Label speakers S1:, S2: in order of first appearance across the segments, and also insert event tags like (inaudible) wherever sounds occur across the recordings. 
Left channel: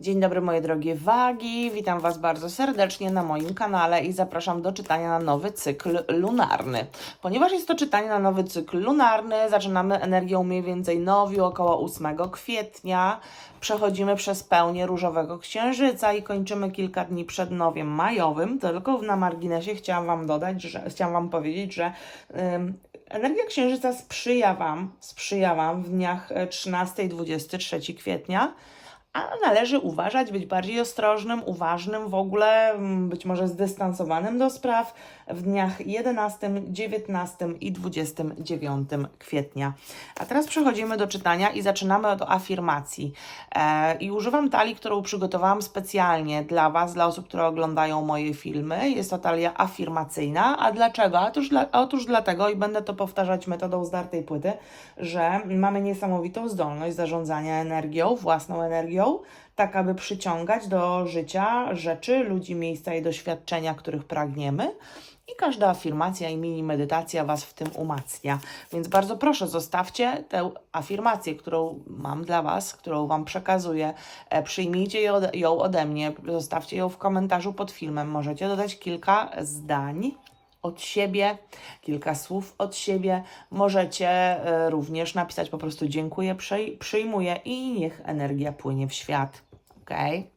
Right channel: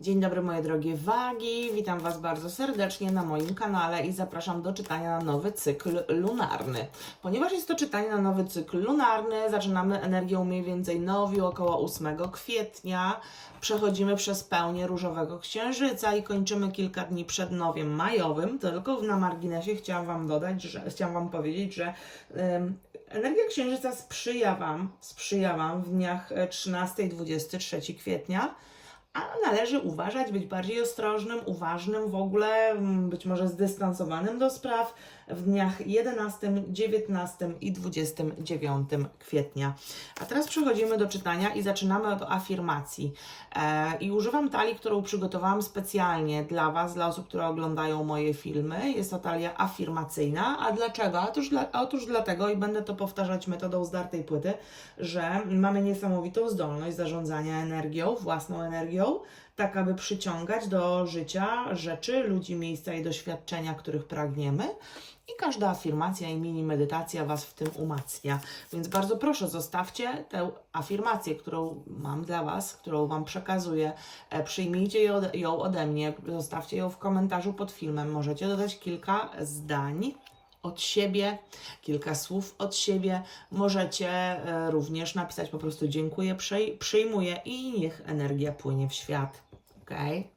S1: Dzień dobry moje drogie wagi, witam Was bardzo serdecznie na moim kanale i zapraszam do czytania na nowy cykl lunarny. Ponieważ jest to czytanie na nowy cykl lunarny, zaczynamy energią mniej więcej nowiu około 8 kwietnia, przechodzimy przez pełnię różowego księżyca i kończymy kilka dni przed nowiem majowym, tylko na marginesie chciałam Wam dodać, że chciałam Wam powiedzieć, że ym, energia księżyca sprzyja Wam, sprzyja Wam w dniach e, 13 i 23 kwietnia, a należy uważać, być bardziej ostrożnym, uważnym w ogóle, mm, być może zdystansowanym do spraw w dniach 11, 19 i 29 kwietnia. A teraz przechodzimy do czytania i zaczynamy od afirmacji. E, I używam talii, którą przygotowałam specjalnie dla Was, dla osób, które oglądają moje filmy. Jest to talia afirmacyjna. A dlaczego? Otóż, dla, otóż dlatego, i będę to powtarzać metodą zdartej płyty, że mamy niesamowitą zdolność zarządzania energią, własną energią, tak aby przyciągać do życia rzeczy, ludzi, miejsca i doświadczenia, których pragniemy. I każda afirmacja i mini medytacja Was w tym umacnia. Więc bardzo proszę, zostawcie tę afirmację, którą mam dla Was, którą Wam przekazuję. E, Przyjmijcie ją ode- mnie, zostawcie ją w komentarzu pod filmem. Możecie dodać kilka zdań od siebie, kilka słów od siebie. Możecie e, również napisać po prostu dziękuję, przyj- przyjmuję i niech energia płynie w świat. Okej?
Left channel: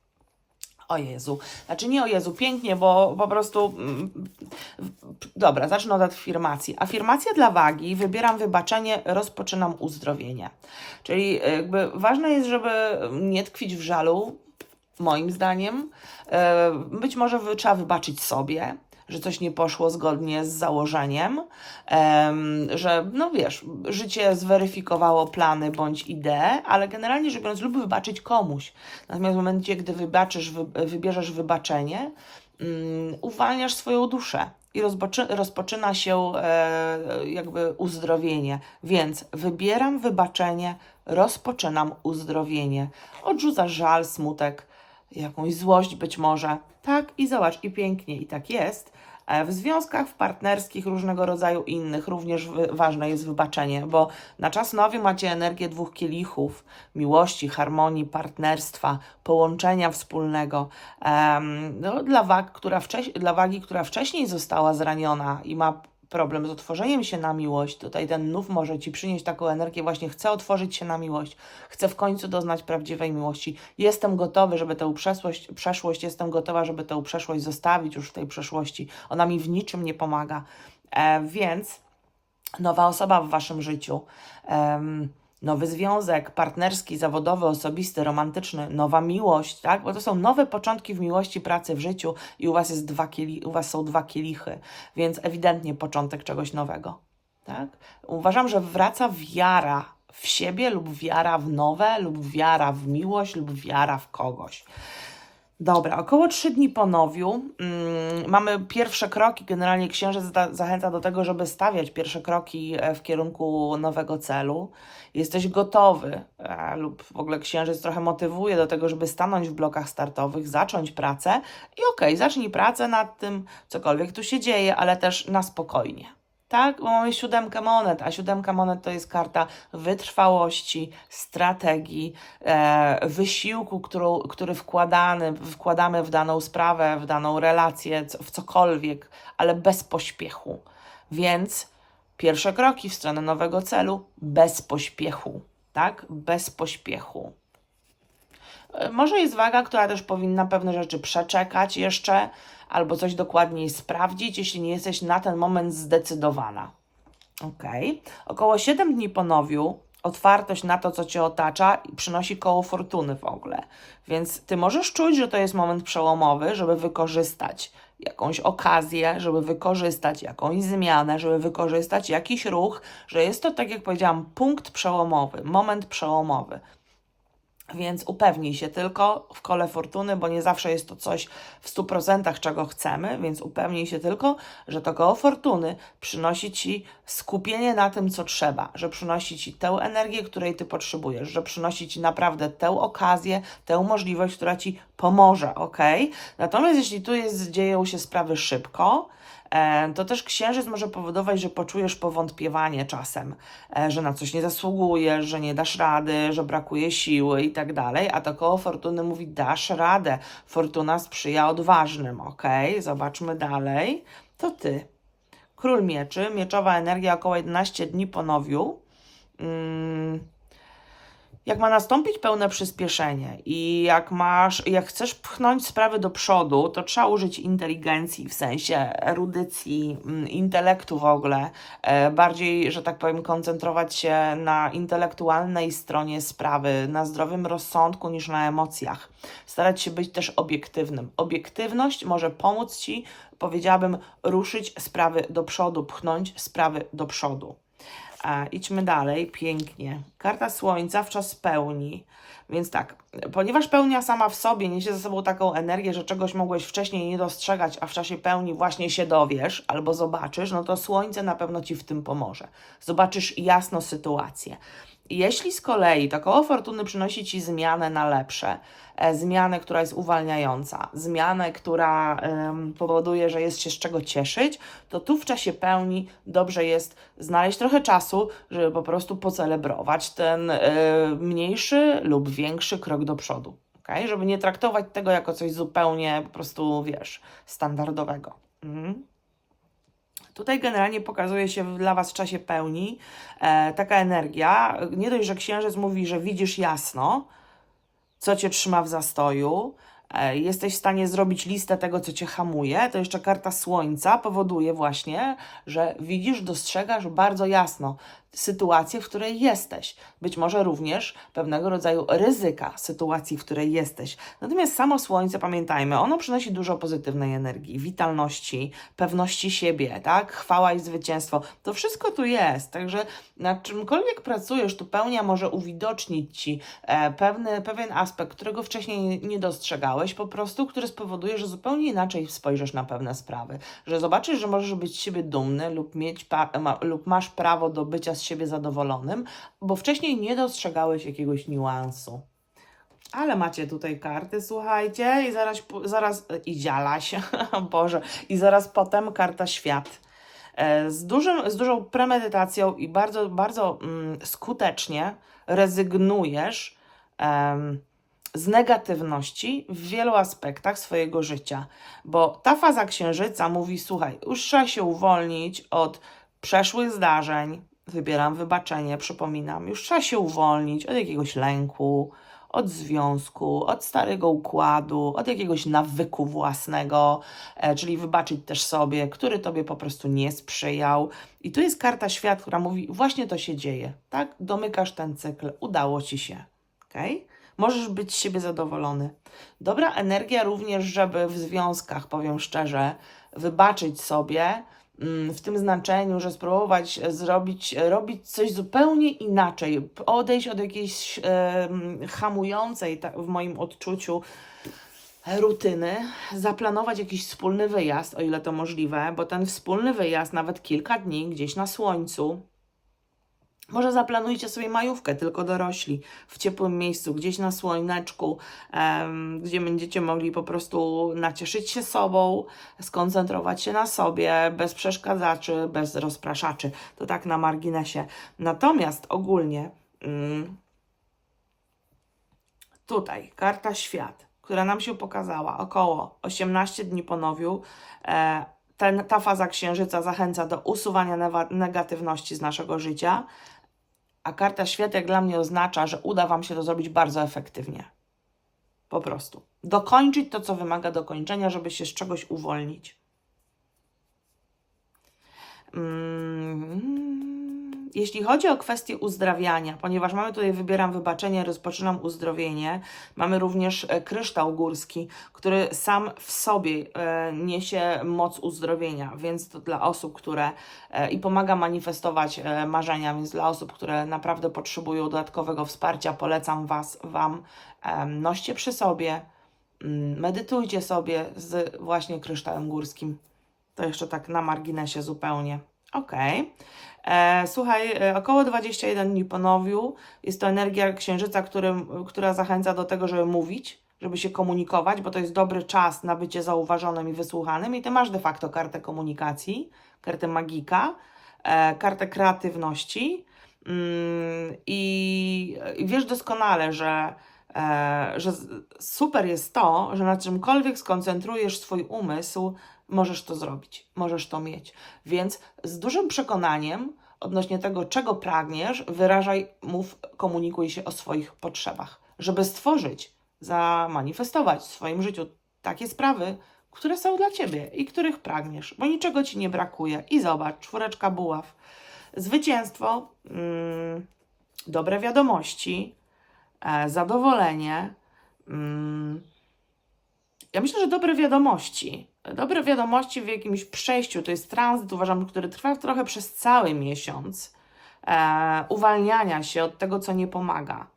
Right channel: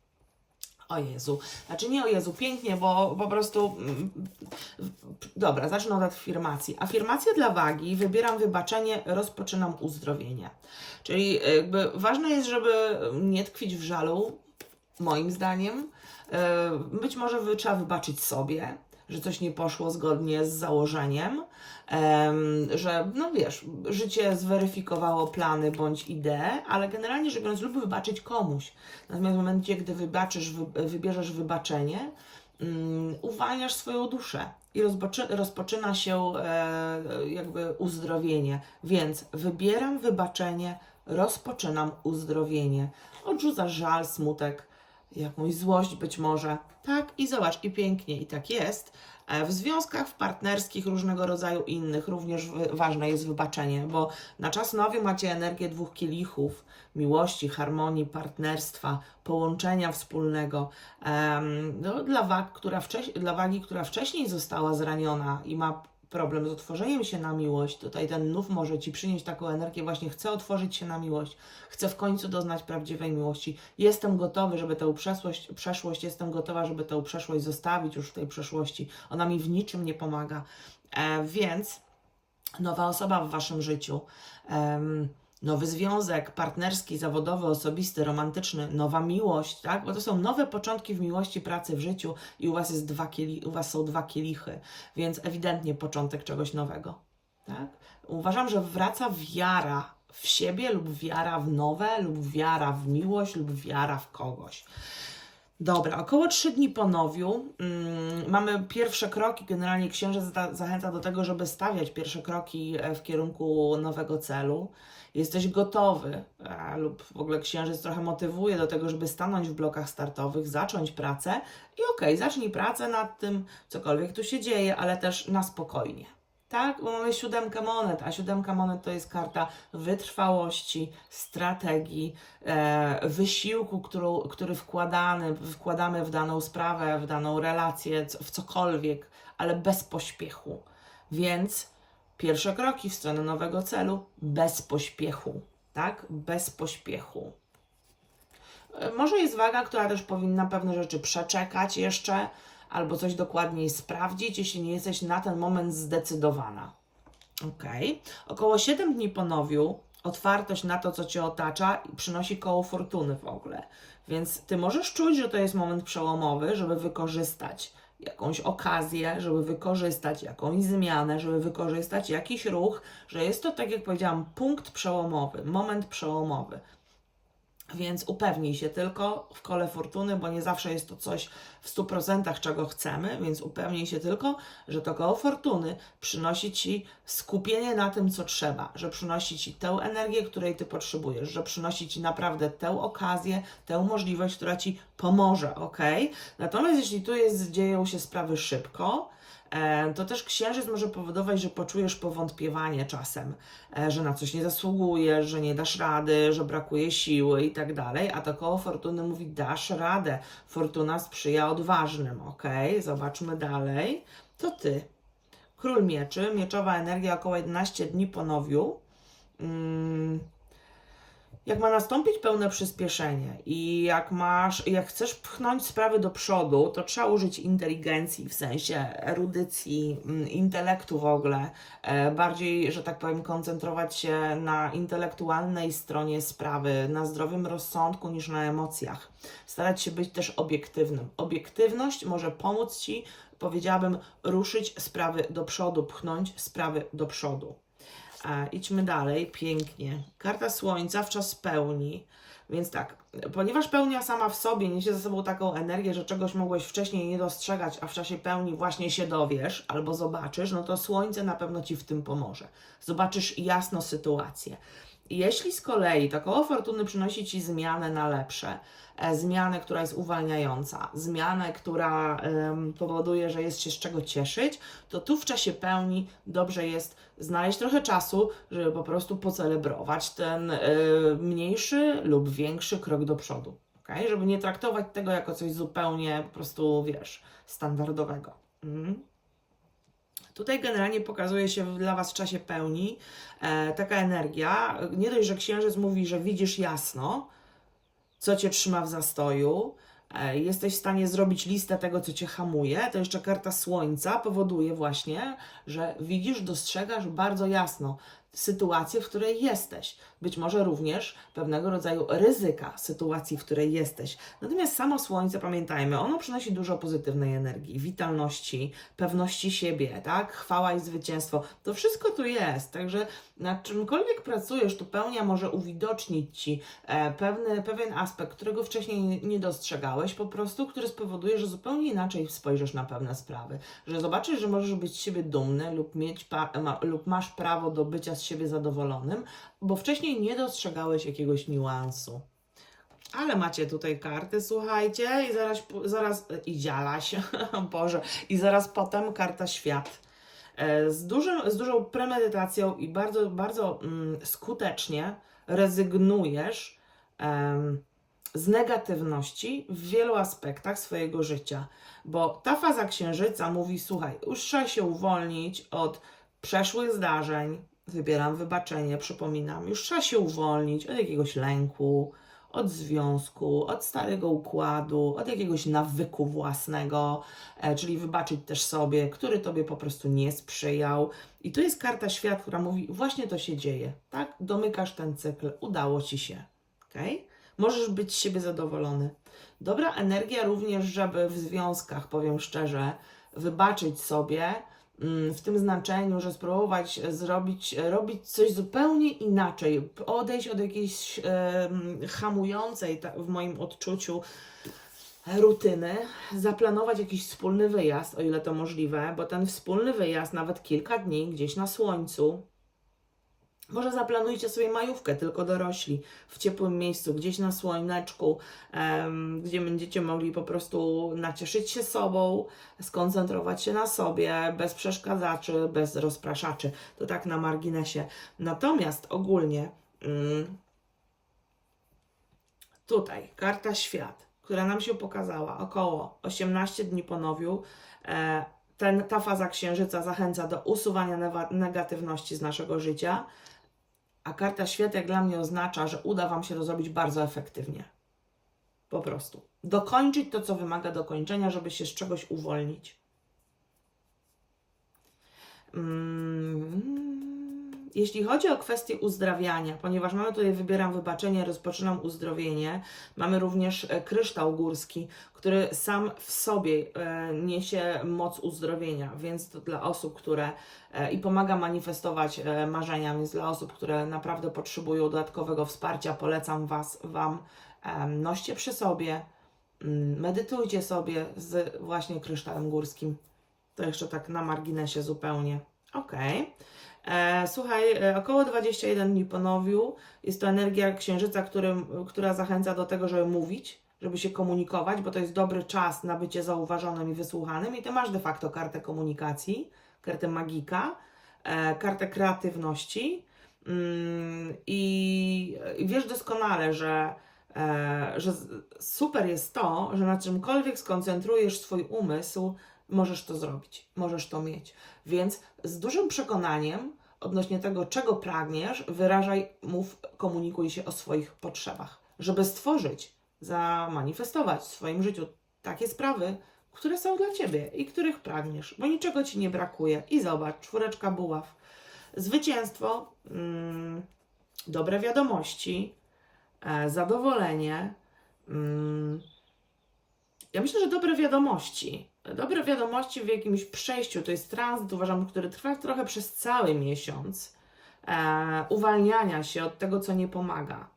S1: O Jezu. Znaczy nie o Jezu, pięknie, bo po prostu. mm, Dobra, zacznę od afirmacji. Afirmacja dla wagi. Wybieram wybaczenie, rozpoczynam uzdrowienie. Czyli jakby ważne jest, żeby nie tkwić w żalu, moim zdaniem. E, Być może trzeba wybaczyć sobie, że coś nie poszło zgodnie z założeniem, em, że no wiesz, życie zweryfikowało plany bądź idee, ale generalnie rzecz biorąc, lub wybaczyć komuś. Natomiast w momencie, gdy wybaczysz, wy, wybierzesz wybaczenie, mm, uwalniasz swoją duszę i rozpoczy, rozpoczyna się e, jakby uzdrowienie. Więc wybieram wybaczenie, rozpoczynam uzdrowienie. Odrzucasz żal, smutek, jakąś złość być może. Tak i zobacz, i pięknie, i tak jest. E, W związkach, w partnerskich, różnego rodzaju innych również ważne jest wybaczenie, bo na czas nowy macie energię dwóch kielichów, miłości, harmonii, partnerstwa, połączenia wspólnego. Em, no, dla, wag, która wcześ- dla wagi, która wcześniej została zraniona i ma problem z otworzeniem się na miłość, tutaj ten nów może Ci przynieść taką energię, właśnie chcę otworzyć się na miłość, chcę w końcu doznać prawdziwej miłości, jestem gotowy, żeby tę przeszłość, przeszłość, jestem gotowa, żeby tę przeszłość zostawić już w tej przeszłości, ona mi w niczym nie pomaga, e, więc nowa osoba w Waszym życiu, em, nowy związek partnerski, zawodowy, osobisty, romantyczny, nowa miłość, tak? Bo to są nowe początki w miłości, pracy, w życiu i u Was, jest dwa kieli, u was są dwa kielichy, więc ewidentnie początek czegoś nowego, tak? Uważam, że wraca wiara w siebie lub wiara w nowe, lub wiara w miłość, lub wiara w kogoś. Dobra, około trzy dni po nowiu mm, mamy pierwsze kroki. Generalnie księżyc za, zachęca do tego, żeby stawiać pierwsze kroki e, w kierunku nowego celu. Jesteś gotowy, e, lub w ogóle księżyc trochę motywuje do tego, żeby stanąć w blokach startowych, zacząć pracę i okej, zacznij pracę nad tym, cokolwiek tu się dzieje, ale też na spokojnie. Tak, bo mamy siódemkę monet, a siódemka monet to jest karta wytrwałości, strategii, e, wysiłku, którą, który wkładany, wkładamy w daną sprawę, w daną relację, w cokolwiek, ale bez pośpiechu. Więc pierwsze kroki w stronę nowego celu bez pośpiechu, tak? Bez pośpiechu. Może jest waga, która też powinna pewne rzeczy przeczekać jeszcze, albo coś dokładniej sprawdzić, jeśli nie jesteś na ten moment zdecydowana. Ok. Około 7 dni po nowiu otwartość na to, co cię otacza, przynosi koło fortuny w ogóle. Więc ty możesz czuć, że to jest moment przełomowy, żeby wykorzystać jakąś okazję, żeby wykorzystać jakąś zmianę, żeby wykorzystać jakiś ruch, że jest to, tak jak powiedziałam, punkt przełomowy, moment przełomowy. Więc upewnij się tylko w kole fortuny, bo nie zawsze jest to coś w 100% czego chcemy, więc upewnij się tylko, że to koło fortuny przynosi ci skupienie na tym, co trzeba, że przynosi ci tę energię, której ty potrzebujesz, że przynosi ci naprawdę tę okazję, tę możliwość, która ci pomoże, ok? Natomiast jeśli tu jest, dzieją się sprawy szybko, to też księżyc może powodować, że poczujesz powątpiewanie czasem, e, że na coś nie zasługujesz, że nie dasz rady, że brakuje siły i tak dalej, a to koło fortuny mówi dasz radę. Fortuna sprzyja odważnym, ok? Zobaczmy dalej. To ty. Król mieczy, mieczowa energia około 11 dni po nowiu. Mm, jak ma nastąpić pełne przyspieszenie i jak masz, jak chcesz pchnąć sprawy do przodu, to trzeba użyć inteligencji, w sensie erudycji, mm, intelektu w ogóle, e, bardziej, że tak powiem, koncentrować się na intelektualnej stronie sprawy, na zdrowym rozsądku niż na emocjach. Starać się być też obiektywnym. Obiektywność może pomóc Ci, powiedziałabym, ruszyć sprawy do przodu, pchnąć sprawy do przodu. E, idźmy dalej, pięknie. Karta Słońca w czas pełni. Więc tak, ponieważ pełnia sama w sobie niesie ze sobą taką energię, że czegoś mogłeś wcześniej nie dostrzegać, a w czasie pełni właśnie się dowiesz albo zobaczysz, no to Słońce na pewno Ci w tym pomoże. Zobaczysz jasno sytuację. Jeśli z kolei to koło fortuny przynosi Ci zmianę na lepsze, e, zmianę, która jest uwalniająca, zmianę, która em, powoduje, że jest się z czego cieszyć, to tu w czasie pełni dobrze jest znaleźć trochę czasu, żeby po prostu pocelebrować ten e, mniejszy lub większy krok do przodu. Okay? Żeby nie traktować tego jako coś zupełnie po prostu, wiesz, standardowego. Mhm. Tutaj generalnie pokazuje się dla Was w czasie pełni e, taka energia. Nie dość, że księżyc mówi, że widzisz jasno, co Cię trzyma w zastoju, e, jesteś w stanie zrobić listę tego, co Cię hamuje, to jeszcze karta Słońca powoduje właśnie, że widzisz, dostrzegasz bardzo jasno sytuację, w której jesteś. Być może również pewnego rodzaju ryzyka sytuacji, w której jesteś. Natomiast samo Słońce, pamiętajmy, ono przynosi dużo pozytywnej energii, witalności, pewności siebie, tak? Chwała i zwycięstwo. To wszystko tu jest. Także nad czymkolwiek pracujesz, tu pełnia może uwidocznić Ci e, pewny, pewien aspekt, którego wcześniej nie dostrzegałeś, po prostu, który spowoduje, że zupełnie inaczej spojrzysz na pewne sprawy. Że zobaczysz, że możesz być siebie dumny lub, mieć lub masz prawo do bycia z siebie zadowolonym, bo wcześniej nie dostrzegałeś jakiegoś niuansu. Ale macie tutaj karty, słuchajcie, i zaraz, zaraz i dzialaś, (laughs) Boże, i zaraz potem karta świat. E, Z, dużym, z dużą premedytacją i bardzo, bardzo mm, skutecznie rezygnujesz em, z negatywności w wielu aspektach swojego życia, bo ta faza księżyca mówi: Słuchaj, już trzeba się uwolnić od przeszłych zdarzeń. Wybieram wybaczenie, przypominam, już trzeba się uwolnić od jakiegoś lęku, od związku, od starego układu, od jakiegoś nawyku własnego, e, czyli wybaczyć też sobie, który tobie po prostu nie sprzyjał. I tu jest karta świat, która mówi: właśnie to się dzieje, tak? Domykasz ten cykl, udało ci się, okej? Możesz być z siebie zadowolony. Dobra energia również, żeby w związkach, powiem szczerze, wybaczyć sobie w tym znaczeniu, że spróbować zrobić, robić coś zupełnie inaczej, odejść od jakiejś hamującej, tak, w moim odczuciu, rutyny, zaplanować jakiś wspólny wyjazd, o ile to możliwe, bo ten wspólny wyjazd, nawet kilka dni gdzieś na słońcu, może zaplanujcie sobie majówkę, tylko dorośli, w ciepłym miejscu, gdzieś na słoneczku, em, gdzie będziecie mogli po prostu nacieszyć się sobą, skoncentrować się na sobie, bez przeszkadzaczy, bez rozpraszaczy. To tak na marginesie. Natomiast ogólnie mm, tutaj karta świat, która nam się pokazała około 18 dni po nowiu, e, ten, ta faza księżyca zachęca do usuwania negatywności z naszego życia, a karta świat jak dla mnie oznacza, że uda Wam się to zrobić bardzo efektywnie. Po prostu. Dokończyć to, co wymaga dokończenia, żeby się z czegoś uwolnić. Mm, Jeśli chodzi o kwestię uzdrawiania, ponieważ mamy tutaj, wybieram wybaczenie, rozpoczynam uzdrowienie, mamy też e, kryształ górski, który sam w sobie e, niesie moc uzdrowienia, więc to dla osób, które e, i pomaga manifestować marzenia, więc dla osób, które naprawdę potrzebują dodatkowego wsparcia, polecam was, Wam, noście przy sobie, mm, medytujcie sobie z właśnie kryształem górskim. To jeszcze tak na marginesie zupełnie. Okej. E, Słuchaj, e, około 21 dni po nowiu jest to energia księżyca, którym, która zachęca do tego, żeby mówić, żeby się komunikować, bo to jest dobry czas na bycie zauważonym i wysłuchanym. I ty masz de facto kartę komunikacji, kartę magika, e, kartę kreatywności. Mm, I, I wiesz doskonale, że, e, że super jest to, że na czymkolwiek skoncentrujesz swój umysł, możesz to zrobić, możesz to mieć. Więc z dużym przekonaniem odnośnie tego, czego pragniesz, wyrażaj, mów, komunikuj się o swoich potrzebach, żeby stworzyć, zamanifestować w swoim życiu takie sprawy, które są dla ciebie i których pragniesz, bo niczego ci nie brakuje. I zobacz, czwóreczka buław. Zwycięstwo, mm, dobre wiadomości, e, zadowolenie. Mm, ja myślę, że dobre wiadomości. Dobre wiadomości w jakimś przejściu, to jest tranzyt, uważam, który trwa trochę przez cały miesiąc, e, uwalniania się od tego, co nie pomaga.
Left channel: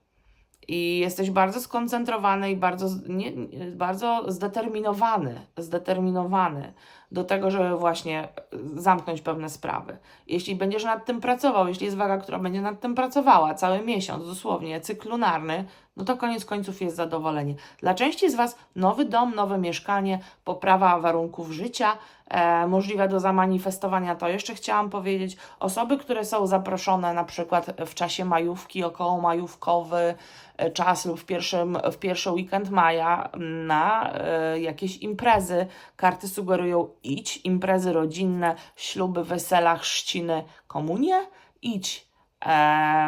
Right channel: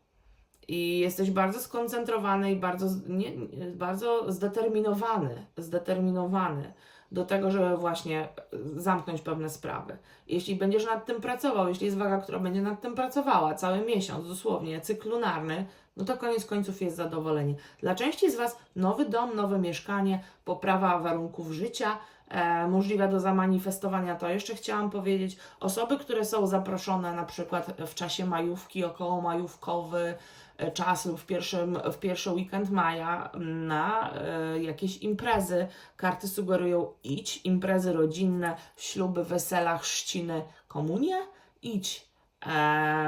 S1: I jesteś bardzo skoncentrowany i bardzo, nie- bardzo zdeterminowany, zdeterminowany do tego, żeby właśnie zamknąć pewne sprawy. Jeśli będziesz nad tym pracował, jeśli jest waga, która będzie nad tym pracowała cały miesiąc, dosłownie, cykl lunarny, no to koniec końców jest zadowolenie. Dla części z Was nowy dom, nowe mieszkanie, poprawa warunków życia, e, możliwe do zamanifestowania, to jeszcze chciałam powiedzieć. Osoby, które są zaproszone na przykład w czasie majówki, około majówkowy e, czas lub w, pierwszym, w pierwszy weekend maja na e, jakieś imprezy. Karty sugerują idź, imprezy rodzinne, śluby, wesela, chrzciny, komunie, idź.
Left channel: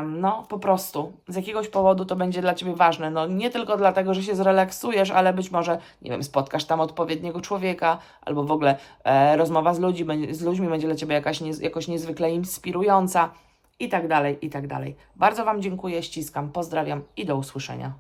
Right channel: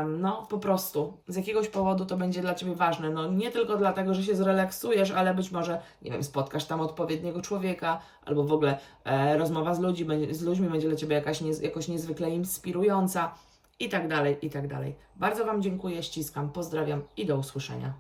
S1: No, po prostu z jakiegoś powodu to będzie dla Ciebie ważne. No, nie tylko dlatego, że się zrelaksujesz, ale być może, nie wiem, spotkasz tam odpowiedniego człowieka, albo w ogóle e, rozmowa z, ludzi, z ludźmi będzie dla Ciebie jakaś niez, jakoś niezwykle inspirująca i tak dalej, i tak dalej. Bardzo Wam dziękuję, ściskam, pozdrawiam i do usłyszenia.